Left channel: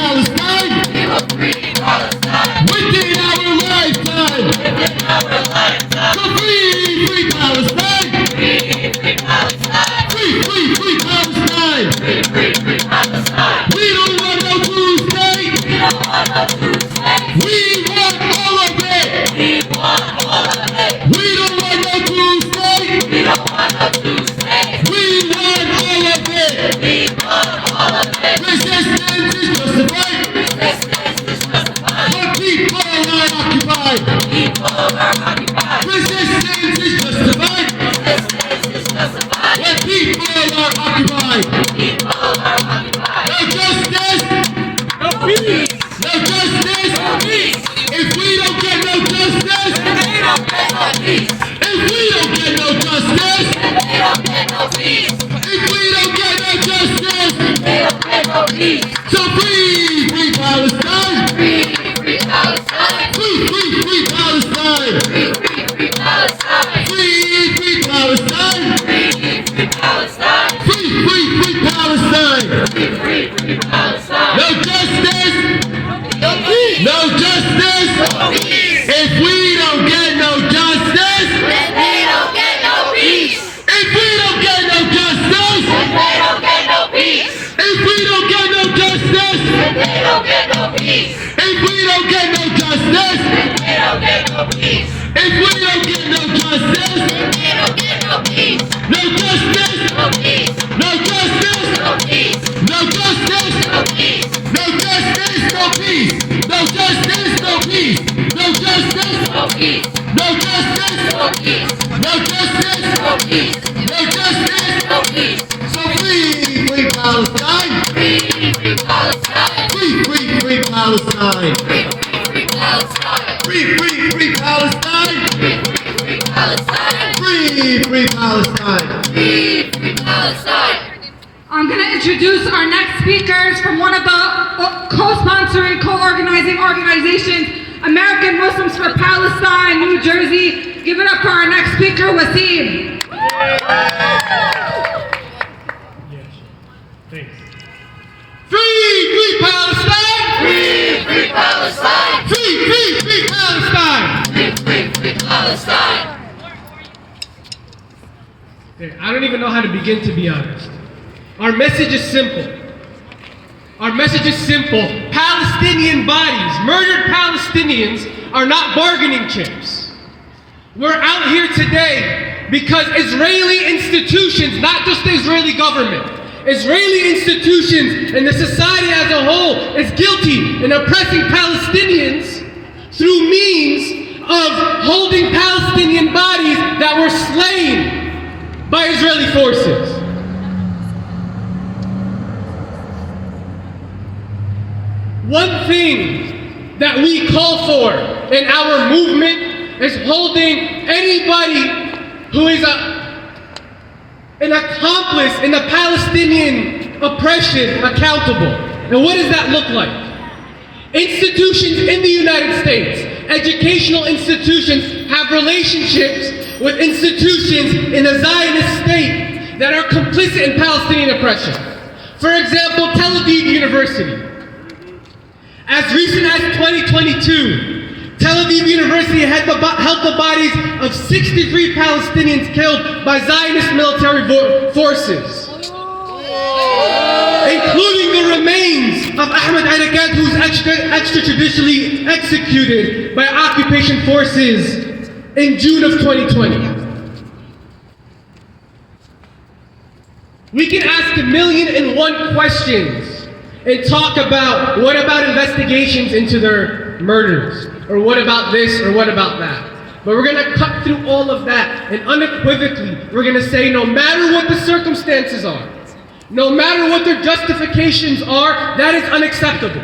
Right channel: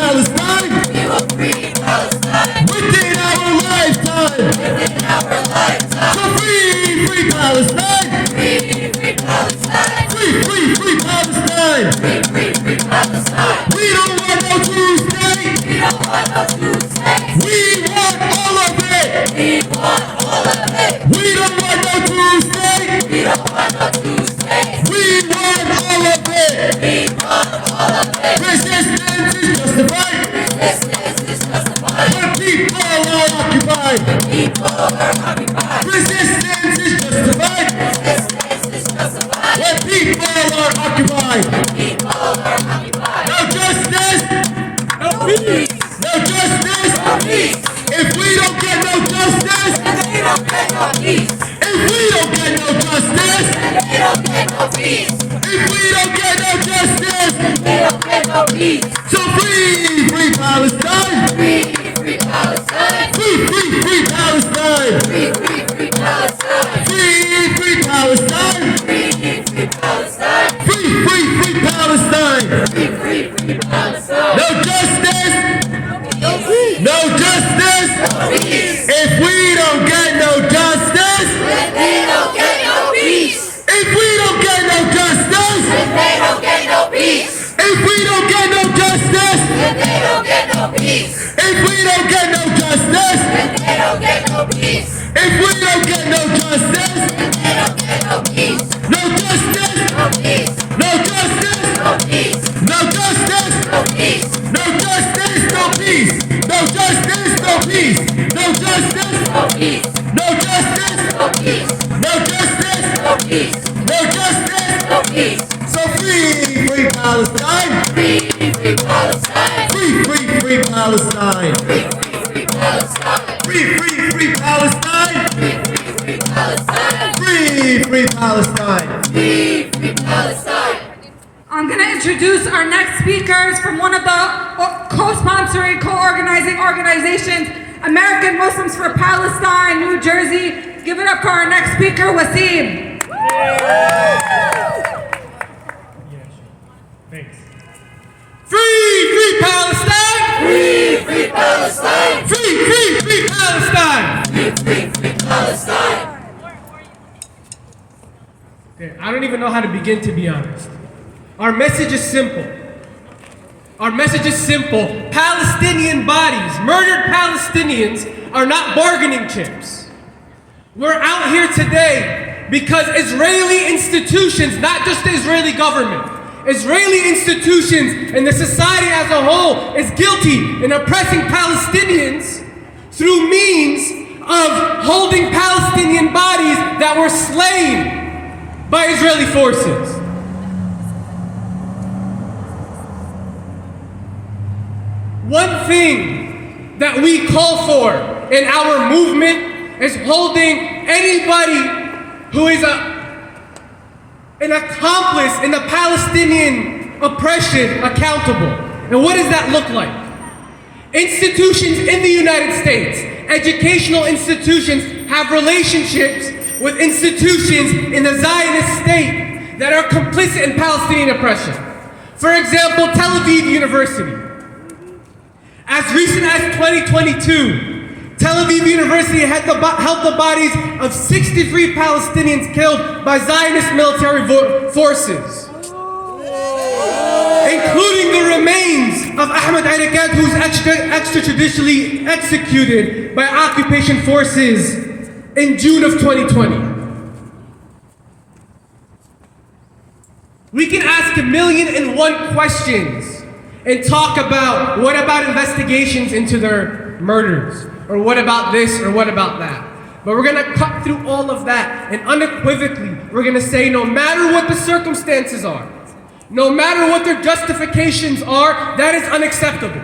Palestine. We will free Palestine. Within our lifetime. Within our lifetime. So free Palestine. Free Palestine. Free Palestine. Free Palestine. We don't want no two states. We don't want no two states. We want all of it. We want all of it. We don't want no two states. We don't want no two states. We want all of it. We want all of it. Resistance is justified. Resistance is justified. When people are occupied. People are occupied. Resistance is justified. Resistance is justified. When people are occupied. People are occupied. No justice. No peace. No justice. No peace. If we don't get no justice. Then they don't get no peace. If we don't get no justice. Then they don't get no peace. If we don't get no justice. They don't get no peace. So free Palestine. Free Palestine. Free Palestine. Free Palestine. Free Palestine. Free Palestine. Free Palestine. Free Palestine. No justice. No peace. No justice. No peace. If we don't get no justice. Then they don't get no peace. If we don't get no justice. Then they don't get no peace. If we don't get no justice. Then they don't get no peace. If we don't get no justice. Then they don't get no peace. If we don't get no justice. Then they don't get no peace. No justice. No peace. No justice. No peace. No justice. No peace. No justice. No peace. No justice. No peace. No justice. No peace. No justice. No peace. No justice. No peace. No justice. No peace. So free Palestine. Free Palestine. Free Palestine. Free Palestine. Free Palestine. Free Palestine. Free Palestine. Free Palestine. I'm going to introduce our next speakers from one of the co-sponsoring, co-organizing organizations, American Muslims for Palestine, New Jersey. Give it up for our next speaker, Wasim. Thanks. Free Palestine. Free Palestine. Free Palestine. Free Palestine. Okay, I don't even know how to begin, to be honest. Our message is simple. Our message is simple. Palestinian bodies, murdered Palestinians, are not bargaining chips. We're out here today because Israeli institutions, not just the Israeli government, Israeli institutions and the society as a whole is guilty in oppressing Palestinians through means of holding Palestinian bodies that were slain by Israeli forces. One thing that we call for in our movement is holding anybody who is an accomplice in the Palestinian oppression accountable. And what does that look like? Institutions in the United States, educational institutions, have relationships with institutions in the Zionist state that are complicit in Palestinian oppression. For example, Tel Aviv University. As recent as 2022, Tel Aviv University held the bodies of 63 Palestinians killed by Zionist military forces, including the remains of Ahmed Arakat, who's extrajudicially executed by occupation forces in June of 2020. We can ask 1,000,001 questions and talk about what about investigations into their murders, or what about this, or what about that. But we're gonna cut through all of that, and unequivocally, we're gonna say no matter what the circumstances are, no matter what their justifications are, that is unacceptable.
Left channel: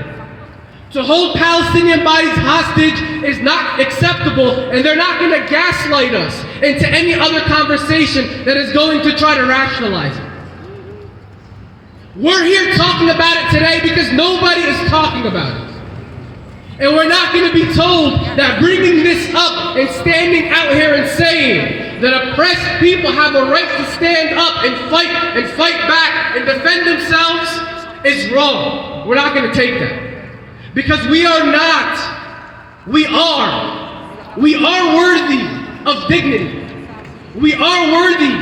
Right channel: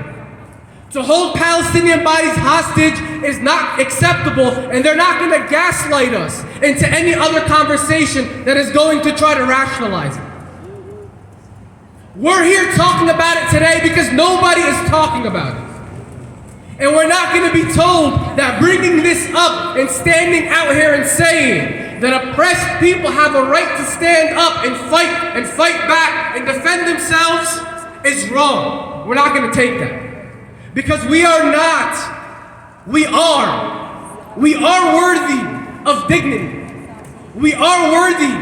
To hold Palestinian bodies hostage is not acceptable, and they're not gonna gaslight us into any other conversation that is going to try to rationalize it. We're here talking about it today because nobody is talking about it. And we're not going to be told that bringing this up and standing out here and saying that oppressed people have a right to stand up and fight back and defend themselves is wrong. We're not going to take that. Because we are worthy of dignity. We are worthy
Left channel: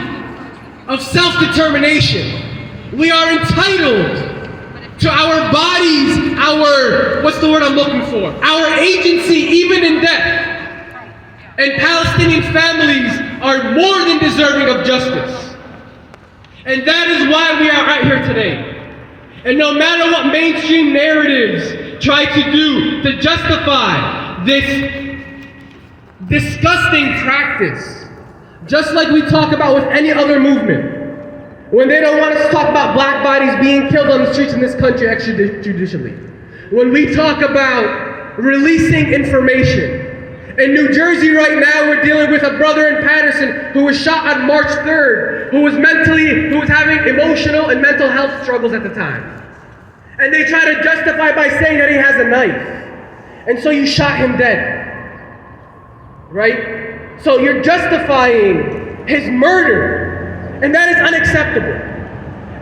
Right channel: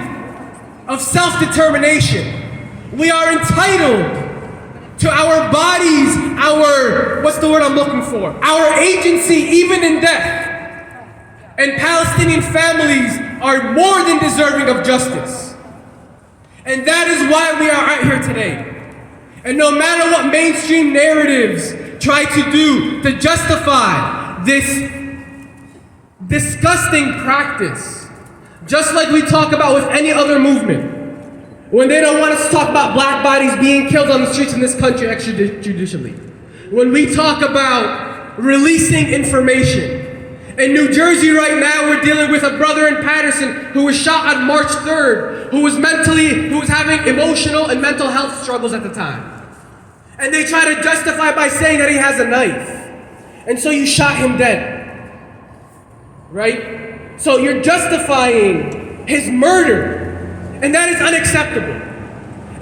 of self-determination. We are entitled to our bodies, what's the word I'm looking for? Our agency, even in death. And Palestinian families are more than deserving of justice. And that is why we are out here today. And no matter what mainstream narratives try to do to justify this disgusting practice, just like we talk about with any other movement, when they don't want us to talk about black bodies being killed on the streets in this country extrajudicially, when we talk about releasing information. In New Jersey right now, we're dealing with a brother in Patterson who was shot on March 3rd, who was having emotional and mental health struggles at the time. And they try to justify by saying that he has a knife. And so you shot him dead. Right? So you're justifying his murder. And that is unacceptable.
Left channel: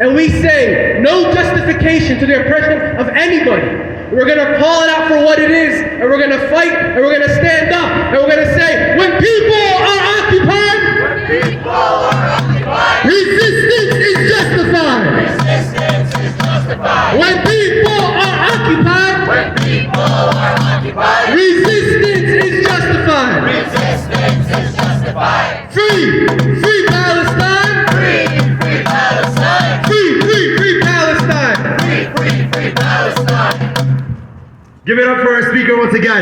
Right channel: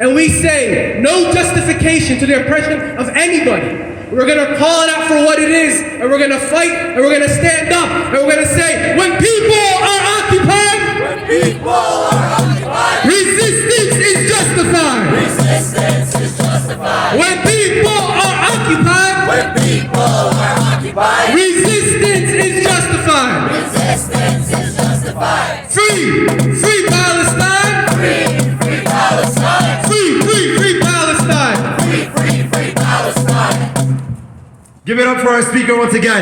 And we say no justification to the oppression of anybody. We're gonna call it out for what it is, and we're gonna fight, and we're gonna stand up, and we're gonna say, when people are occupied, resistance is justified. Resistance is justified. When people are occupied, resistance is justified. Resistance is justified. Free Palestine. Free Palestine. Free Palestine. Free Palestine. Give it up for our speaker once again.